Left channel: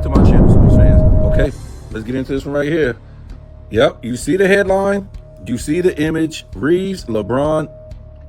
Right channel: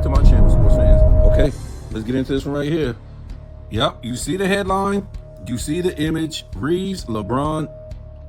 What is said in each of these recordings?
back to my channel, sports fans. Okay, let's get into this one right here. Yep, you see the headline, you see the image. Reeves, LeBron,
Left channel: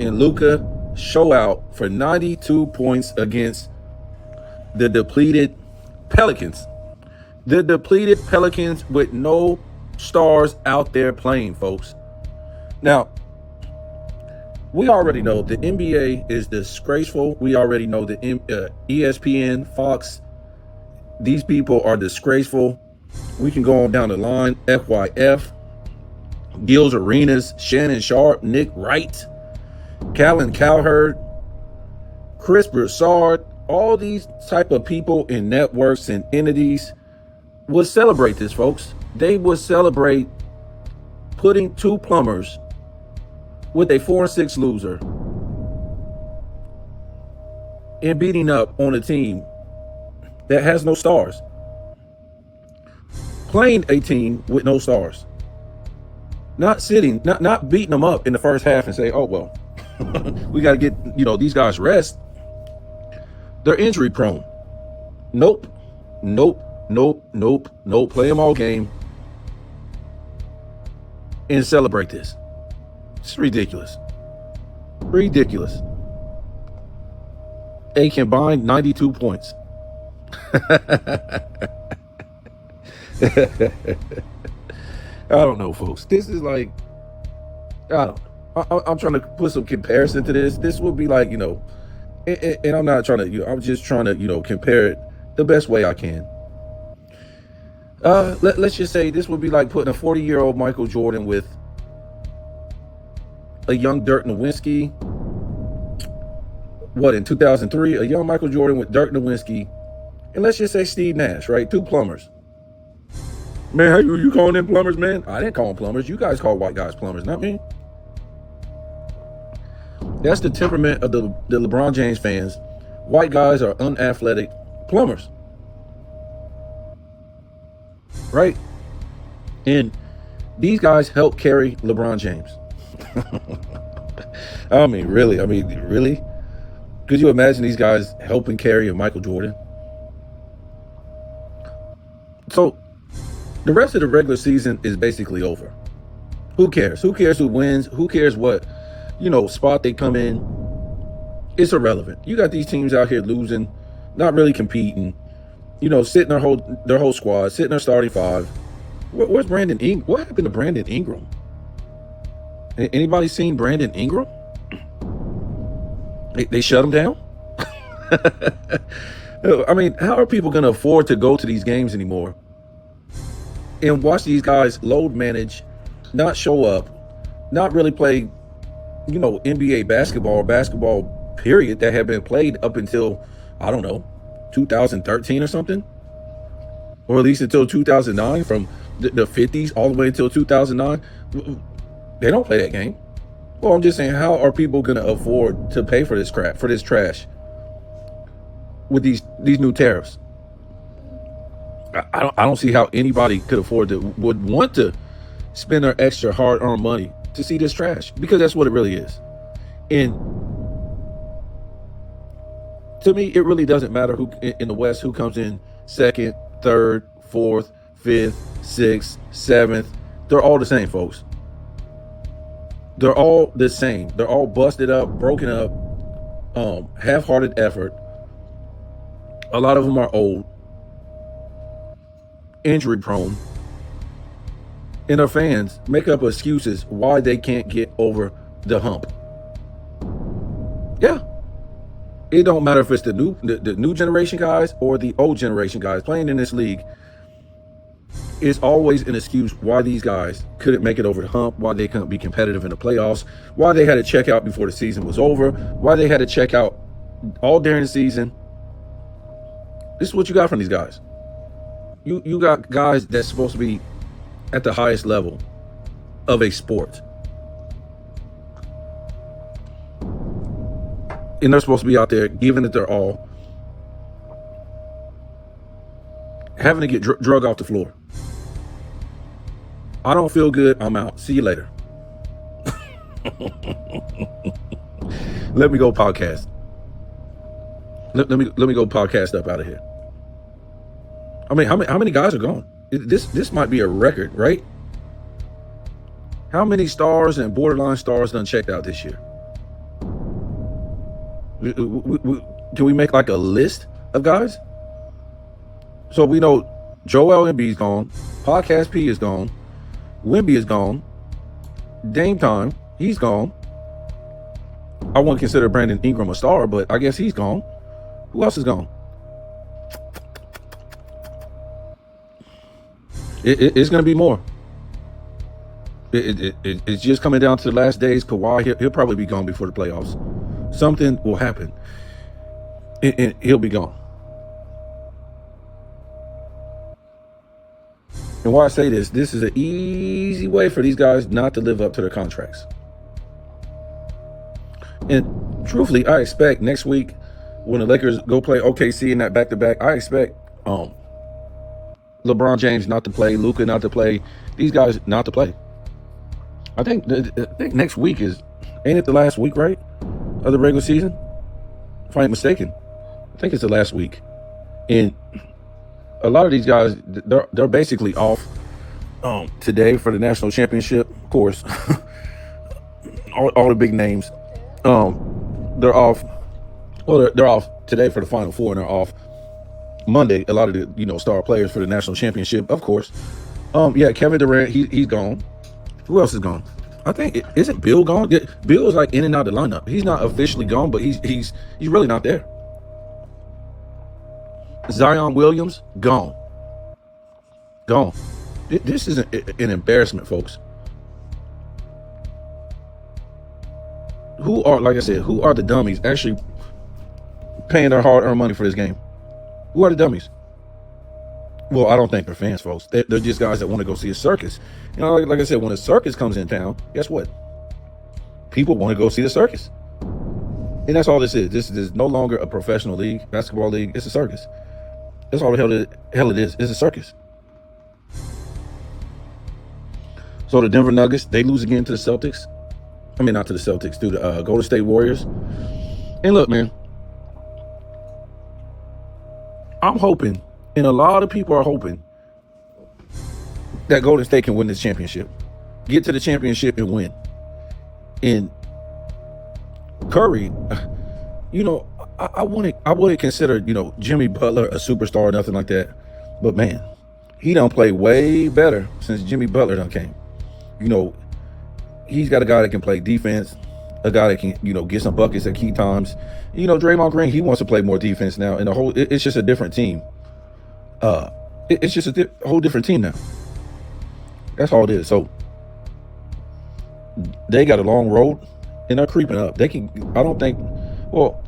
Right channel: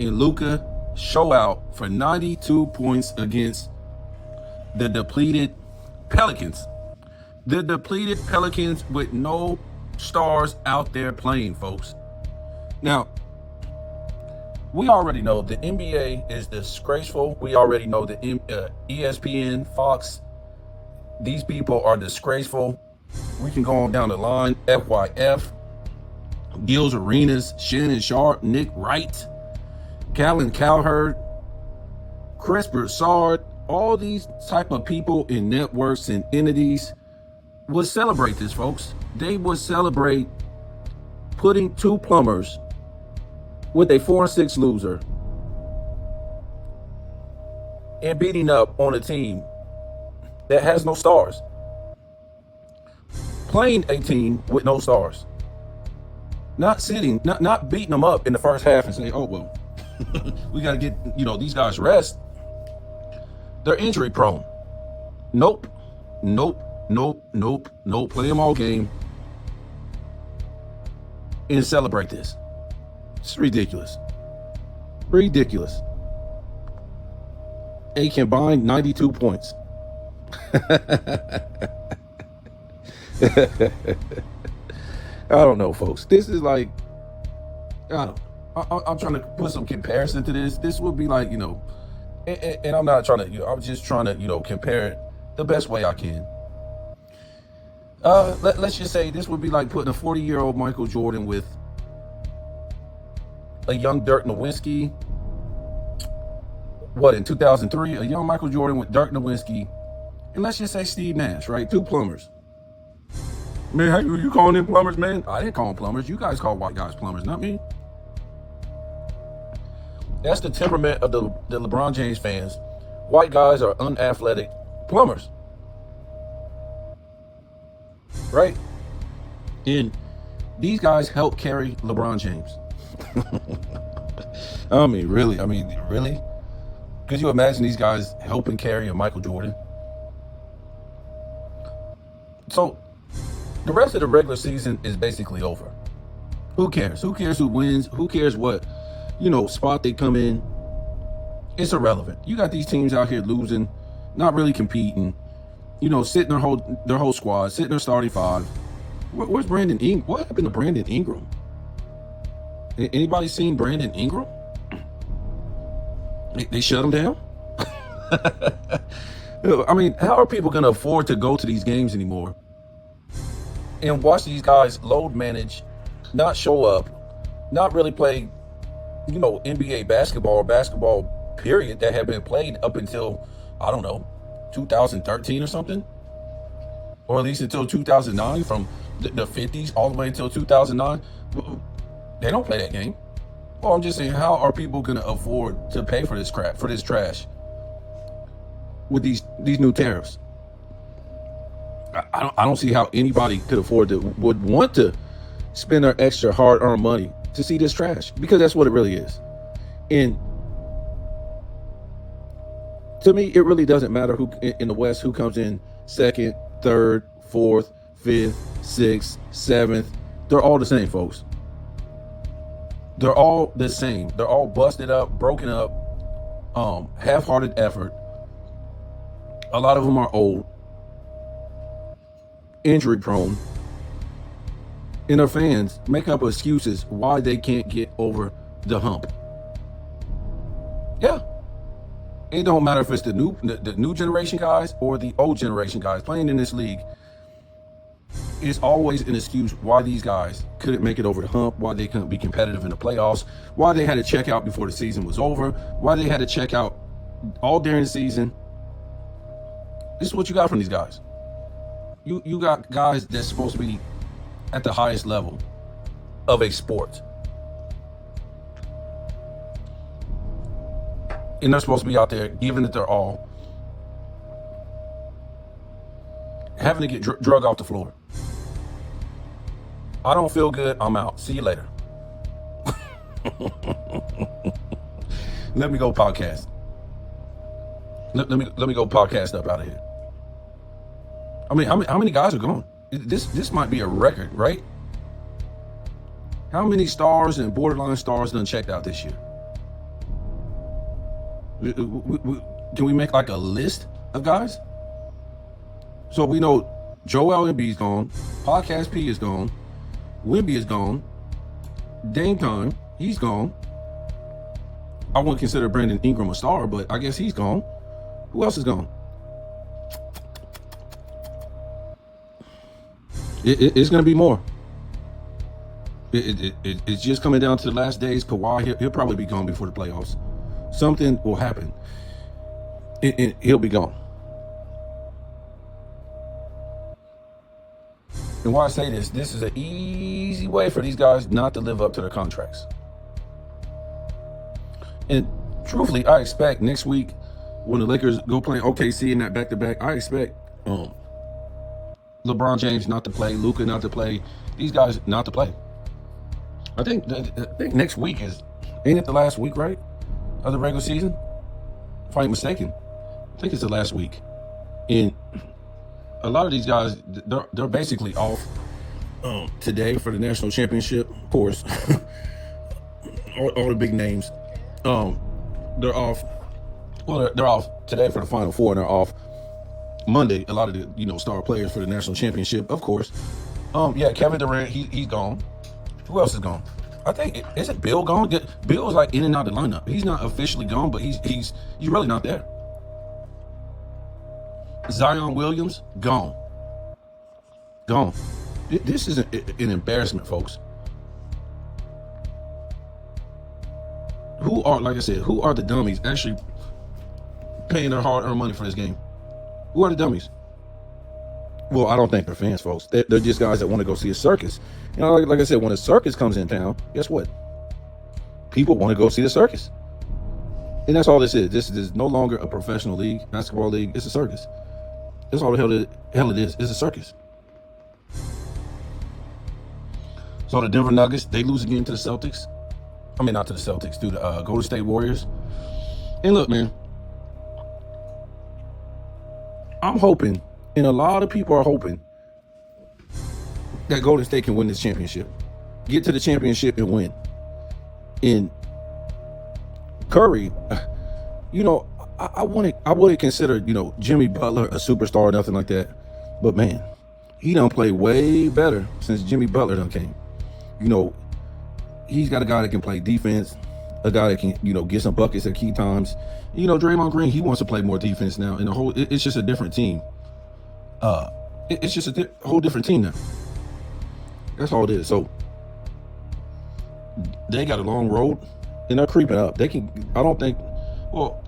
and Luka show out for 92 points against the depleted Pelicans. The depleted Pelicans with no stars out there playing, folks. Now, we already know the NBA is disgraceful. We already know the ESPN, Fox, these people are disgraceful. We can go on down the line. FYF, Gil's Arenas, Shannon Sharp, Nick Wright, Callan Cowherd, Chris Broussard, all these type of people in networks and entities would celebrate this, folks. They would celebrate putting two plumbers with a 4-6 loser and beating up on a team that has no stars. Playing a team with no stars. Not beating them up in the first half and say, oh, well, we got to get, these guys rest. They're injury prone. Nope. Play them all game and celebrate this. It's ridiculous. A combined 92 points. I don't know, folks. This is like, I'm trying to put some comparison to this. This would be like, and I'm not trying to, I'm just trying to, compare it the best way I can. Let's just say this would be like putting a 40-year-old Michael Jordan with a young Dirk Nowitzki. In 2003, a young Michael Jordan with Dirk Nowitzki, and let's just say Steve Nash, right? Two plumbers. Man, you calling them plumbers, man? I didn't call them plumbers. You guys call white guys plumbers, not me. That's the temperament of the LeBron James fans. White guys are unathletic plumbers. Right? And these guys help carry LeBron James. I mean, really? Could you imagine these guys helping carry a Michael Jordan? So, the rest of the regular season is basically over. Who cares? Who cares who wins? Who cares what, spot they come in? It's irrelevant. You got these teams out here losing, not really competing, sitting their whole squad, sitting their starting five. Where's Brandon Ingram? What happened to Brandon Ingram? Anybody seen Brandon Ingram? They shut him down? I mean, how are people going to afford to go to these games anymore and watch these guys load manage, not show up, not really play, NBA basketball period that had been played up until, 2013 or something? Or at least until 2009, from the 50s all the way until 2009. They don't play that game. Well, I'm just saying, how are people going to afford to pay for this crap, for this trash, with these new tariffs? I don't see how anybody would want to spend their extra hard-earned money to see this trash, because that's what it really is. And to me, it really doesn't matter who in the West who comes in second, third, fourth, fifth, sixth, seventh. They're all the same, folks. They're all the same. They're all busted up, broken up, half-hearted effort. A lot of them are old, injury prone, and our fans make up excuses why they can't get over the hump. Yeah. It don't matter if it's the new generation guys or the old generation guys playing in this league. It's always an excuse why these guys couldn't make it over the hump, why they couldn't be competitive in the playoffs, why they had to check out before the season was over, why they had to check out all during the season. This is what you got from these guys. You got guys that's supposed to be at the highest level of a sport. And they're supposed to be out there giving it their all, having to get drug off the floor. I don't feel good. I'm out. See you later. Let me go podcast. Let me go podcast up out of here. I mean, how many guys are gone? This might be a record, right? How many stars and borderline stars done checked out this year? Can we make like a list of guys? So we know Joel Embiid's gone, Podcast P is gone, Wemby is gone, Dame Time, he's gone. I wouldn't consider Brandon Ingram a star, but I guess he's gone. Who else is gone? It's going to be more. It's just coming down to the last days. Kawhi, he'll probably be gone before the playoffs. Something will happen, and he'll be gone. And why I say this is an easy way for these guys not to live up to their contracts. And truthfully, I expect next week when the Lakers go play OKC in that back-to-back, I expect LeBron James not to play, Luka not to play, these guys not to play. I think next week ain't it the last week, right, of the regular season? If I ain't mistaken, I think it's the last week. And a lot of these guys, they're basically off today for the national championship, of course. all the big names. They're off. Well, they're off today for the Final Four, and they're off Monday. A lot of the star players for the national championship, of course. Kevin Durant, he's gone. Who else is gone? I think isn't Bill gone? Bill is like in and out of the lineup. He's not officially gone, but he's really not there. Zion Williams gone. This is an embarrassment, folks. Who are the dummies actually paying their hard-earned money for this game? Who are the dummies? Well, I don't think they're fans, folks. They're just guys that want to go see a circus. Like I said, when a circus comes in town, guess what? People want to go see the circus. And that's all this is. This is no longer a professional league, basketball league. It's a circus. That's all the hell it is. It's a circus. So the Denver Nuggets, they lose again to the Celtics. I mean, not to the Celtics, to the Golden State Warriors. And look, man, I'm hoping, and a lot of people are hoping, that Golden State can win this championship. Get to the championship and win. And Curry, I wouldn't consider, Jimmy Butler a superstar or nothing like that. But man, he done played way better since Jimmy Butler done came. He's got a guy that can play defense, a guy that can, get some buckets at key times. Draymond Green, he wants to play more defense now. And it's just a different team. It's just a whole different team now. That's all it is. So they got a long road and they're creeping up. They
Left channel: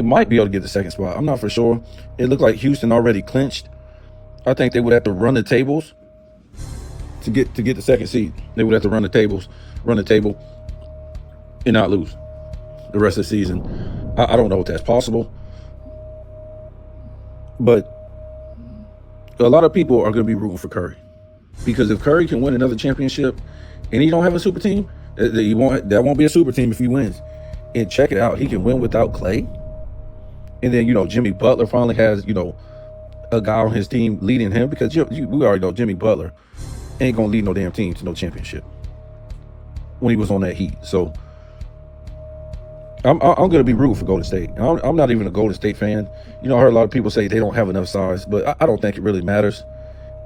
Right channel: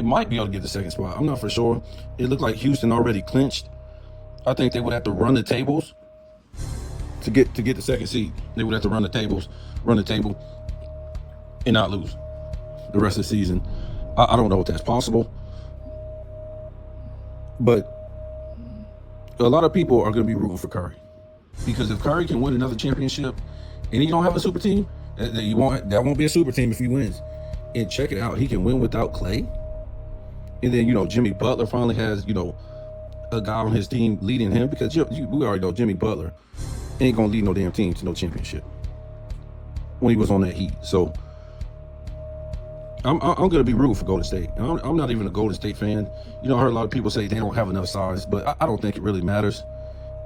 might be able to get the second spot. I'm not for sure. It looked like Houston already clinched. I think they would have to run the tables to get the second seed. They would have to run the table, and not lose the rest of the season. I don't know if that's possible, but a lot of people are going to be rooting for Curry, because if Curry can win another championship and he don't have a super team, that won't be a super team if he wins. And check it out, he can win without Clay. And then, Jimmy Butler finally has, a guy on his team leading him, because we already know Jimmy Butler ain't going to lead no damn team to no championship when he was on that Heat. So I'm going to be rooting for Golden State. And I'm not even a Golden State fan. I heard a lot of people say they don't have enough size, but I don't think it really matters.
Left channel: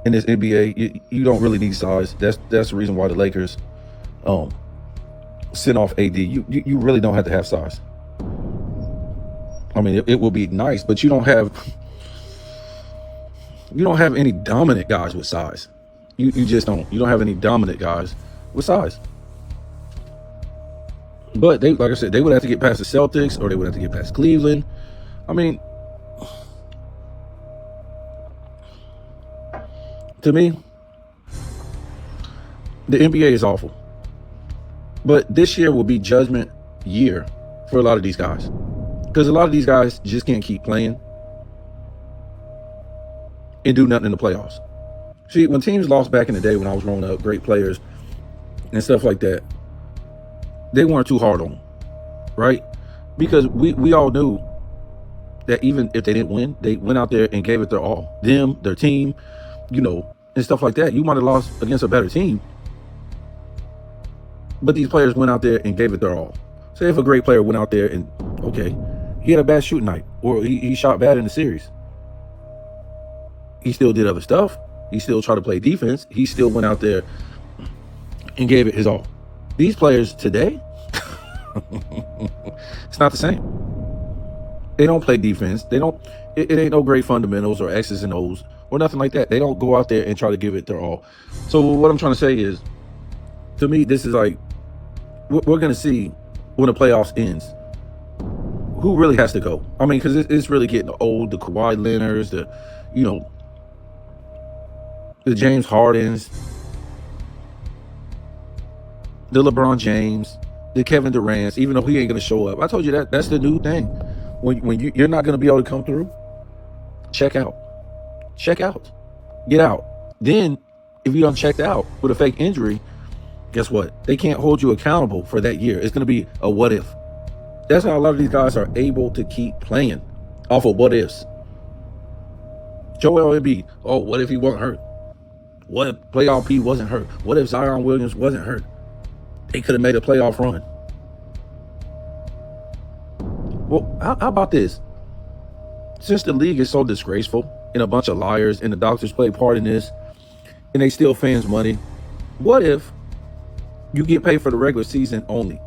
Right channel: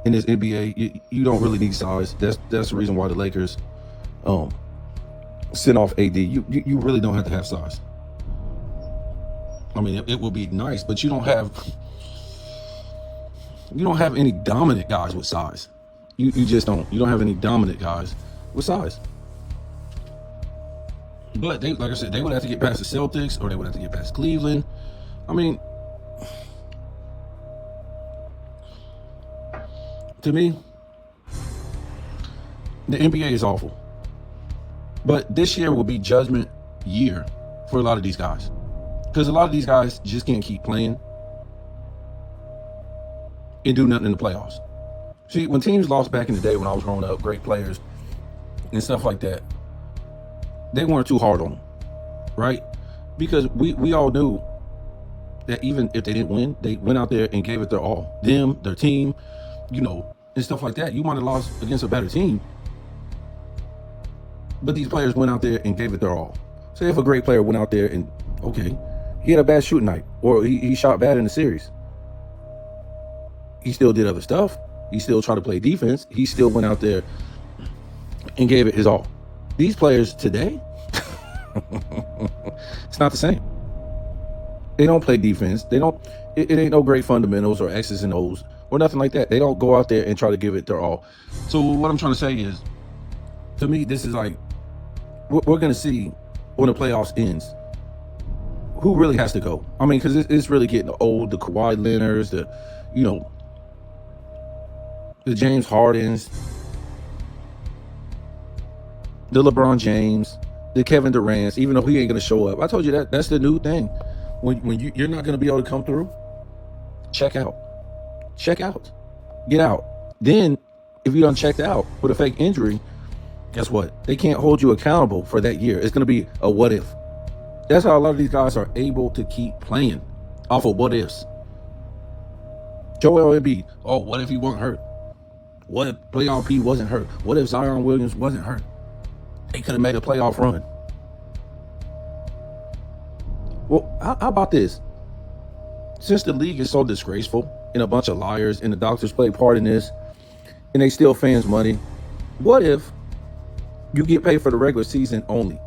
In this NBA, you don't really need size. That's the reason why the Lakers sent off AD. You really don't have to have size. I mean, it will be nice, but you don't have any dominant guys with size. You just don't. You don't have any dominant guys with size. But like I said, they would have to get past the Celtics, or they would have to get past Cleveland. I mean, to me, the NBA is awful. But this year will be judgment year for a lot of these guys, because a lot of these guys just can't keep playing and do nothing in the playoffs. See, when teams lost back in the day when I was growing up, great players and stuff like that, they weren't too hard on them, right? Because we all knew that even if they didn't win, they went out there and gave it their all. Them, their team, and stuff like that. You might have lost against a better team, but these players went out there and gave it their all. Say if a great player went out there and, okay, he had a bad shooting night, or he shot bad in the series. He still did other stuff. He still tried to play defense. He still went out there and gave it his all. These players today, it's not the same. They don't play defense. They don't. It ain't no great fundamentals or X's and O's or nothing like that. They don't go out there and try to give it their all. So what I'm trying to say is, to me, this is like, we're going to see when the playoffs ends, who really has to go. I mean, because it's really getting old. The Kawhi Leonards, the James Hardens, the LeBron James, the Kevin Durant's, even though he ain't going to show up. I told you that's the new thing. When you're not going to be able to come through, check out. Get out. Then, if you done checked out with a fake injury, guess what? They can't hold you accountable for that year. It's going to be a what if. That's how a lot of these guys are able to keep playing, off of what ifs. Joel Embiid, what if he wasn't hurt? What if playoff P wasn't hurt? What if Zion Williams wasn't hurt? They could have made a playoff run. Well, how about this? Since the league is so disgraceful and a bunch of liars and the doctors play part in this and they steal fans' money, what if you get paid for the regular season only?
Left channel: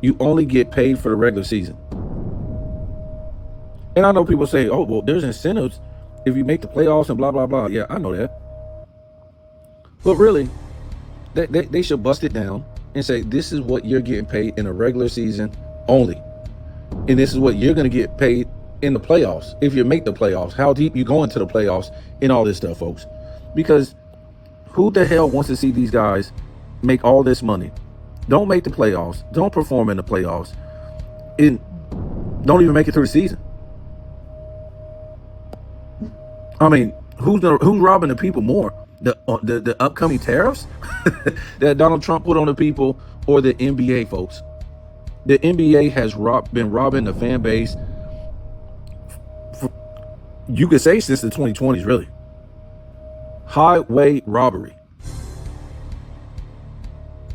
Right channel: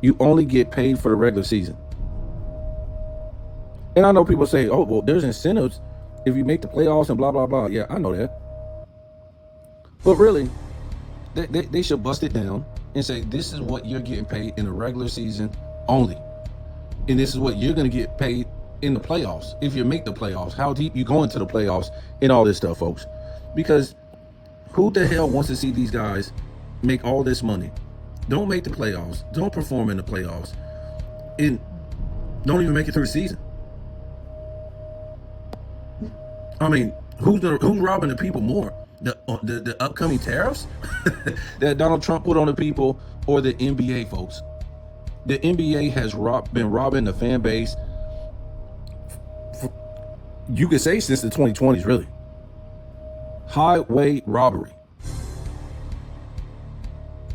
You only get paid for the regular season. And I know people say, well, there's incentives if you make the playoffs and blah, blah, blah. Yeah, I know that. But really, they should bust it down and say, this is what you're getting paid in a regular season only. And this is what you're going to get paid in the playoffs. If you make the playoffs, how deep you go into the playoffs and all this stuff, folks. Because who the hell wants to see these guys make all this money, don't make the playoffs, don't perform in the playoffs, and don't even make it through the season? I mean, who's robbing the people more? The upcoming tariffs that Donald Trump put on the people, or the NBA, folks? The NBA has been robbing the fan base, you could say, since the 2020s, really. Highway robbery.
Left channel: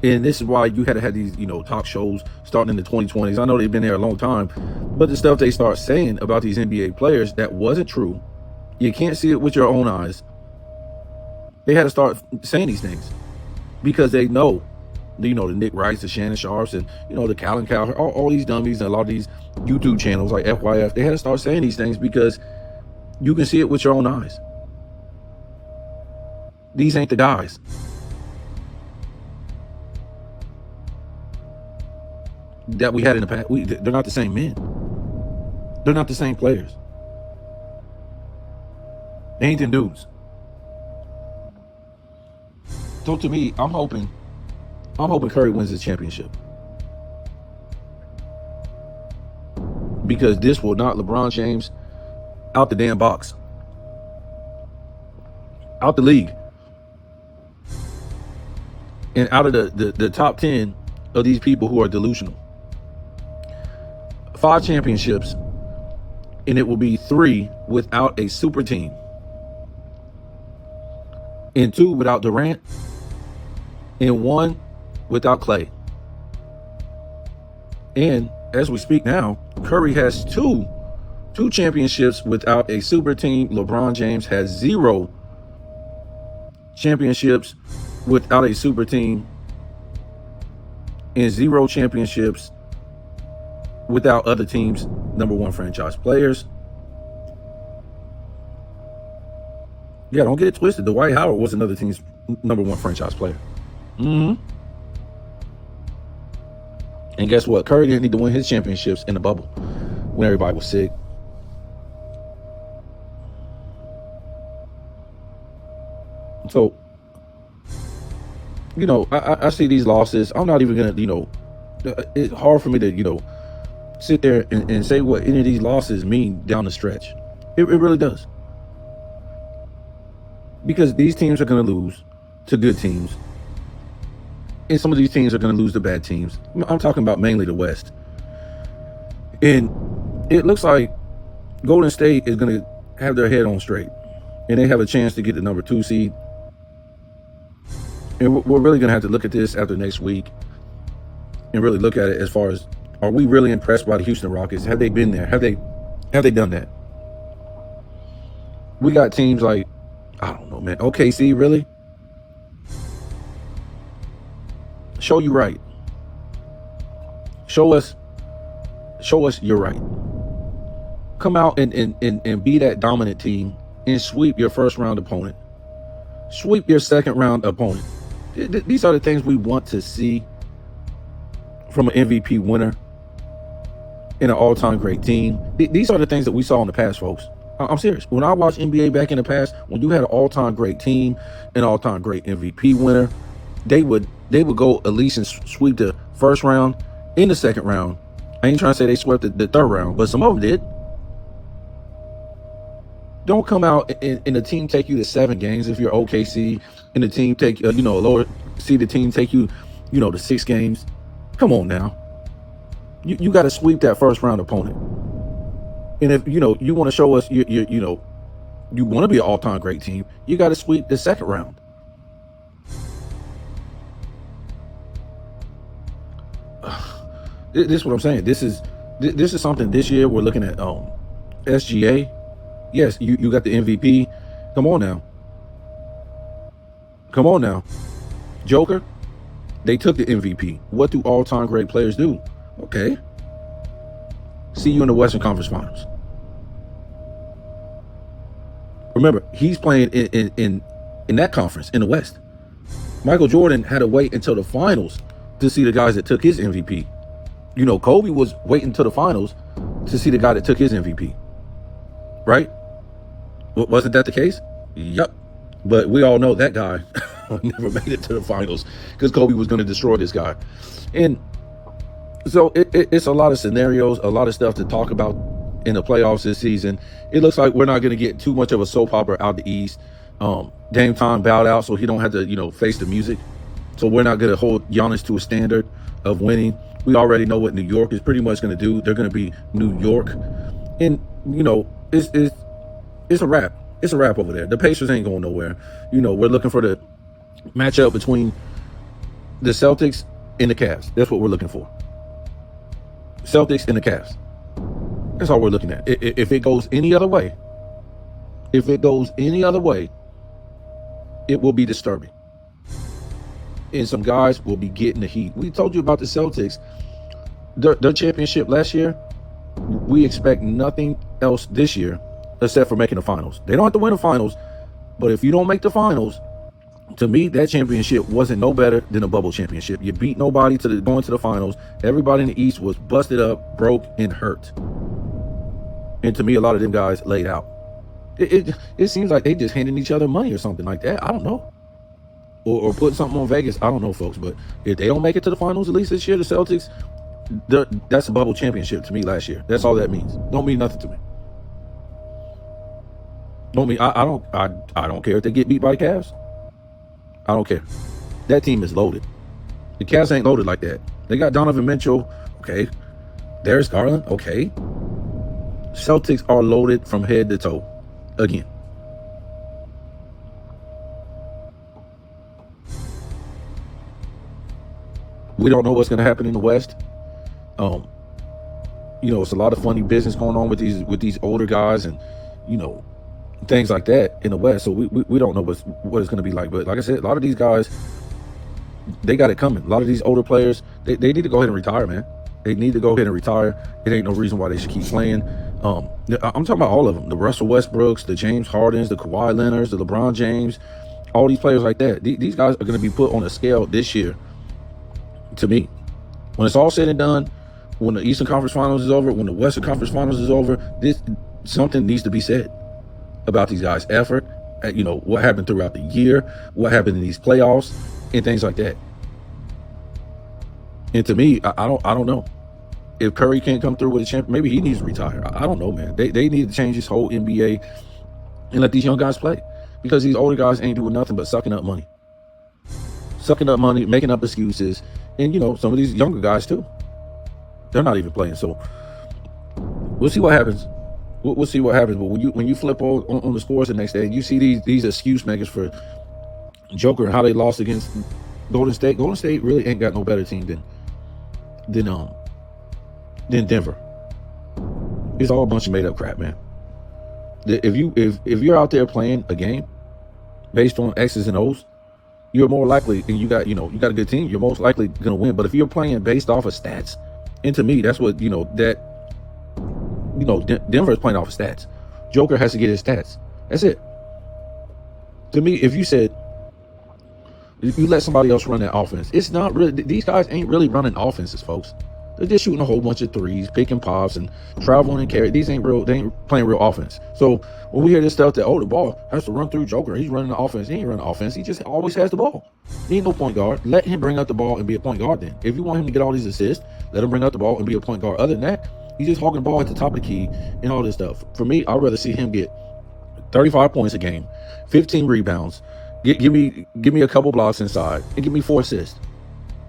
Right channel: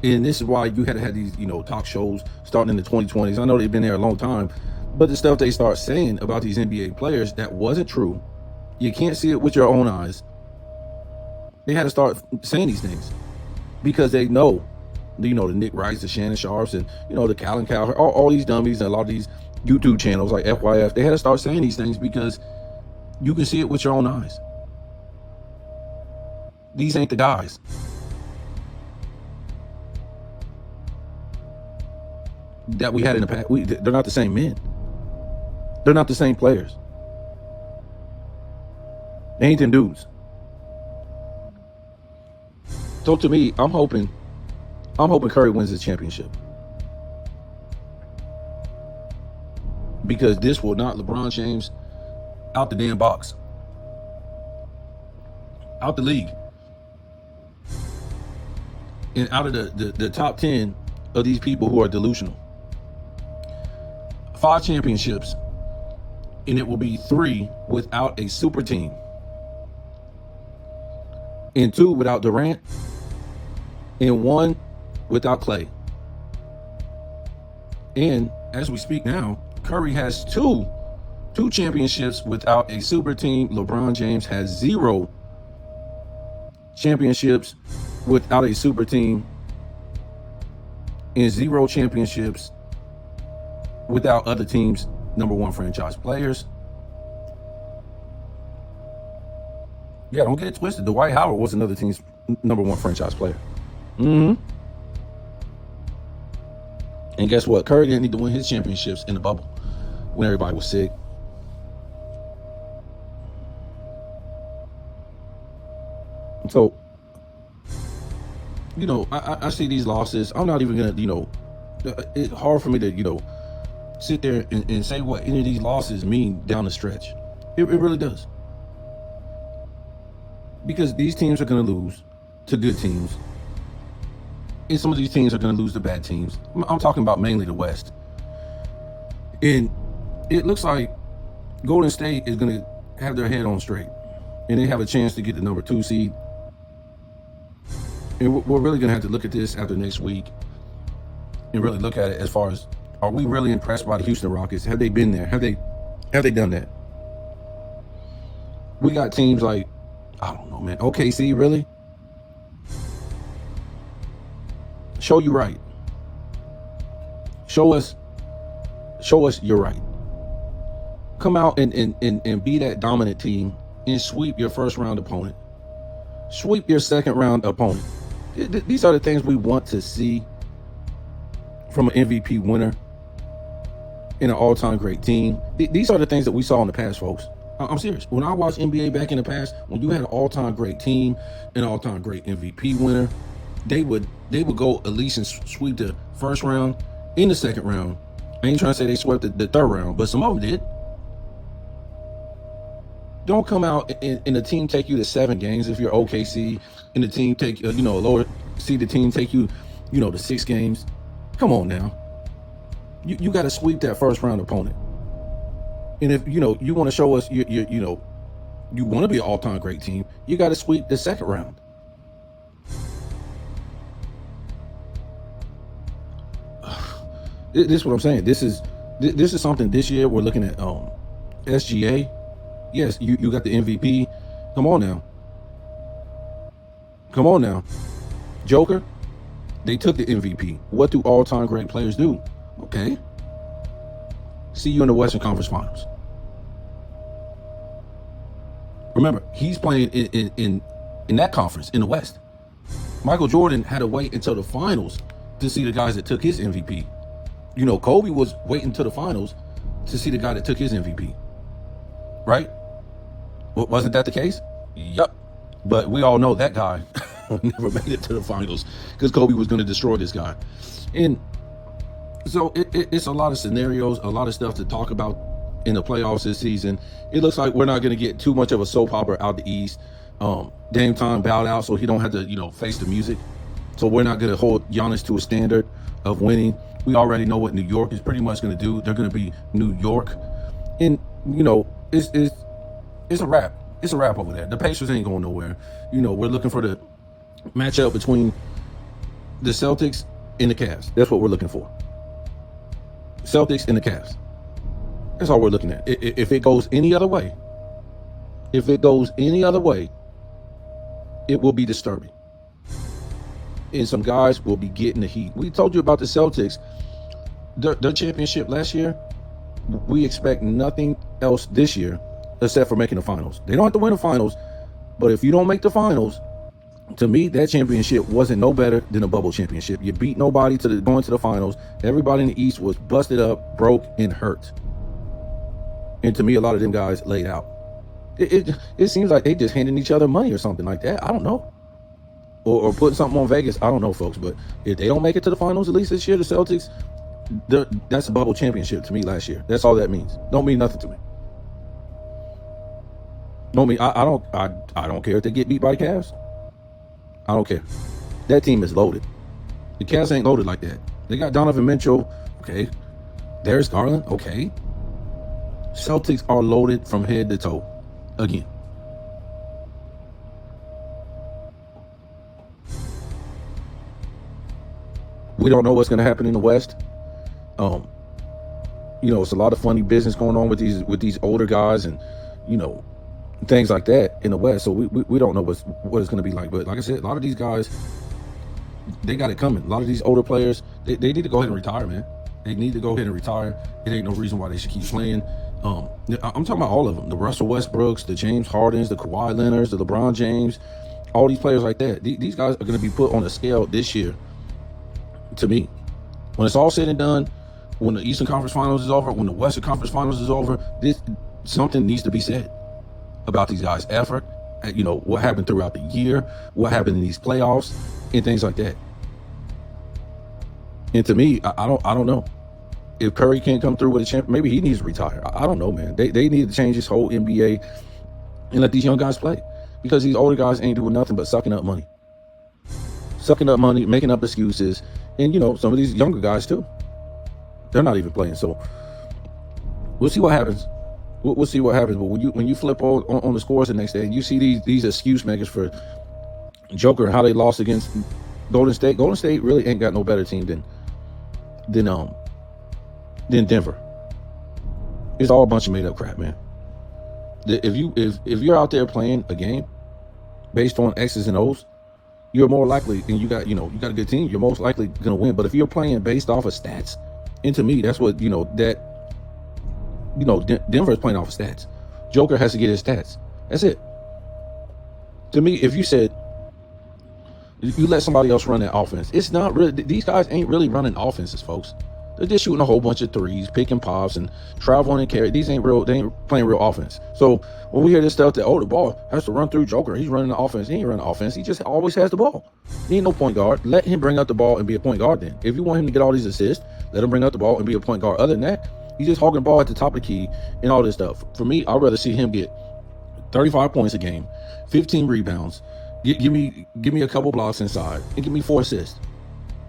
And this is why you had to have these, talk shows starting in the 2020s. I know they've been there a long time, but the stuff they start saying about these NBA players that wasn't true, you can't see it with your own eyes. They had to start saying these things because they know, the Nick Wrights, the Shannon Sharps, and, the Calvin Cowherd, all these dummies, and a lot of these YouTube channels like FYF, they had to start saying these things because you can see it with your own eyes. These ain't the guys. That we had in the past. They're not the same men. They're not the same players. They ain't them dudes. So to me, I'm hoping Curry wins the championship. Because this will knock LeBron James out the damn box. Out the league. And out of the top 10 of these people who are delusional. 5 championships, and it will be 3 without a super team, and 2 without Durant, and 1 without Clay. And as we speak now, Curry has two championships without a super team. LeBron James has 0 championships without a super team, and 0 championships without other teams' #1 franchise players. Yeah, don't get it twisted. Dwight Howard was another team's #1 franchise player. And guess what? Curry didn't need to win his championships in the bubble when everybody was sick. So, I see these losses. I'm not even going to, it's hard for me to, sit there and say what any of these losses mean down the stretch. It really does. Because these teams are going to lose to good teams. And some of these teams are going to lose to bad teams. I'm talking about mainly the West. And it looks like Golden State is going to have their head on straight. and they have a chance to get the number 2 seed. And we're really going to have to look at this after next week and really look at it as far as, are we really impressed by the Houston Rockets? Have they been there? Have they done that? We got teams like, I don't know, man. OKC, really? Show you right. Show us you're right. Come out and be that dominant team and sweep your first round opponent. Sweep your second round opponent. These are the things we want to see from an MVP winner in an all-time great team. These are the things that we saw in the past, folks. I'm serious. When I watched NBA back in the past, when you had an all-time great team, an all-time great MVP winner, they would go at least and sweep the first round, in the second round. I ain't trying to say they swept the third round, but some of them did. Don't come out and the team take you to 7 games if you're OKC, and the team take a lower seeded team take you to 6 games. Come on now. You got to sweep that first round opponent. And if you want to show us you want to be an all-time great team, you got to sweep the second round. This is what I'm saying. This is something this year we're looking at. SGA. Yes, you got the MVP. Come on now. Joker, they took the MVP. What do all-time great players do? Okay. See you in the Western Conference Finals. Remember, he's playing in that conference, in the West. Michael Jordan had to wait until the finals to see the guys that took his MVP. Kobe was waiting until the finals to see the guy that took his MVP. Right? Wasn't that the case? Yep. But we all know that guy never made it to the finals because Kobe was going to destroy this guy. And so it's a lot of scenarios, a lot of stuff to talk about in the playoffs this season. It looks like we're not going to get too much of a soap opera out the East. Dame Time bowed out so he don't have to, face the music. So we're not going to hold Giannis to a standard of winning. We already know what New York is pretty much going to do. They're going to be New York. And, it's a wrap. It's a wrap over there. The Pacers ain't going nowhere. We're looking for the matchup between the Celtics and the Cavs. That's what we're looking for. Celtics and the Cavs. That's all we're looking at. If it goes any other way, it will be disturbing. And some guys will be getting the heat. We told you about the Celtics. Their championship last year, we expect nothing else this year except for making the finals. They don't have to win the finals, but if you don't make the finals, to me, that championship wasn't no better than a bubble championship. You beat nobody going to the finals. Everybody in the East was busted up, broke, and hurt. And to me, a lot of them guys laid out. It seems like they just handing each other money or something like that. I don't know. Or putting something on Vegas. I don't know, folks. But if they don't make it to the finals, at least this year, the Celtics, that's a bubble championship to me last year. That's all that means. Don't mean nothing to me. I don't care if they get beat by the Cavs. I don't care. That team is loaded. The Cavs ain't loaded like that. They got Donovan Mitchell. Okay. Darius Garland. Okay. Celtics are loaded from head to toe. Again. We don't know what's going to happen in the West. It's a lot of funny business going on with these older guys and, things like that in the West. So we don't know what it's going to be like. But like I said, a lot of these guys, they got it coming. A lot of these older players, they need to go ahead and retire, man. They need to go ahead and retire. It ain't no reason why they should keep playing. I'm talking about all of them. The Russell Westbrooks, the James Hardens, the Kawhi Leonards, the LeBron James, all these players like that. These guys are going to be put on a scale this year. To me, when it's all said and done, when the Eastern Conference Finals is over, when the Western Conference Finals is over, something needs to be said about these guys' effort. What happened throughout the year, what happened in these playoffs, and things like that. And to me, I don't know. If Curry can't come through with a champion, maybe he needs to retire. I don't know, man. They need to change this whole NBA and let these young guys play, because these older guys ain't doing nothing but sucking up money, making up excuses. And, some of these younger guys, too. They're not even playing. So we'll see what happens. We'll see what happens. But when you flip on the scores the next day, and you see these excuse makers for Joker and how they lost against Golden State. Golden State really ain't got no better team than Denver. It's all a bunch of made up crap, man. If you're out there playing a game based on X's and O's, you're more likely, and you got a good team, you're most likely gonna win. But if you're playing based off of stats, and to me, that's what Denver is playing off of stats. Joker has to get his stats. That's it. To me, if you let somebody else run that offense, it's not really, these guys ain't really running offenses, folks. They're just shooting a whole bunch of threes, picking pops, and traveling and carry. These ain't real. They ain't playing real offense. So when we hear this stuff that, the ball has to run through Joker, he's running the offense. He ain't running the offense. He just always has the ball. He ain't no point guard. Let him bring up the ball and be a point guard then. If you want him to get all these assists, let him bring up the ball and be a point guard. Other than that, he's just hogging the ball at the top of the key and all this stuff. For me, I'd rather see him get 35 points a game, 15 rebounds, give me a couple blocks inside, and give me 4 assists.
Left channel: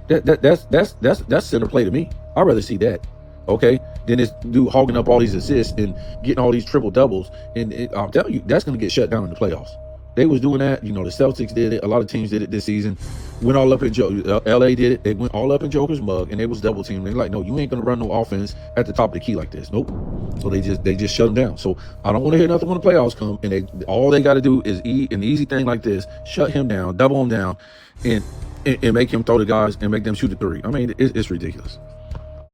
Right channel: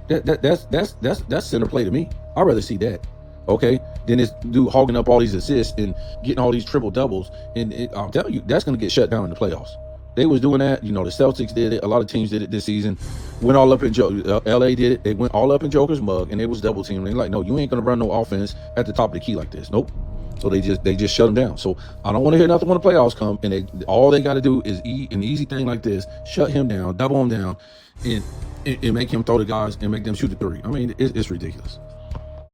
That's center play to me. I'd rather see that. Okay, then this dude hogging up all these assists and getting all these triple doubles, and I'm telling you, that's going to get shut down in the playoffs. They was doing that. The Celtics did it. A lot of teams did it this season. Went all up in LA did it. They went all up in Joker's mug, and they was double teaming. They're like, no, you ain't going to run no offense at the top of the key like this. Nope. So they just shut him down. So I don't want to hear nothing when the playoffs come, and all they got to do is an easy thing like this: shut him down, double him down, and make him throw the guys and make them shoot the three. I mean, it's ridiculous.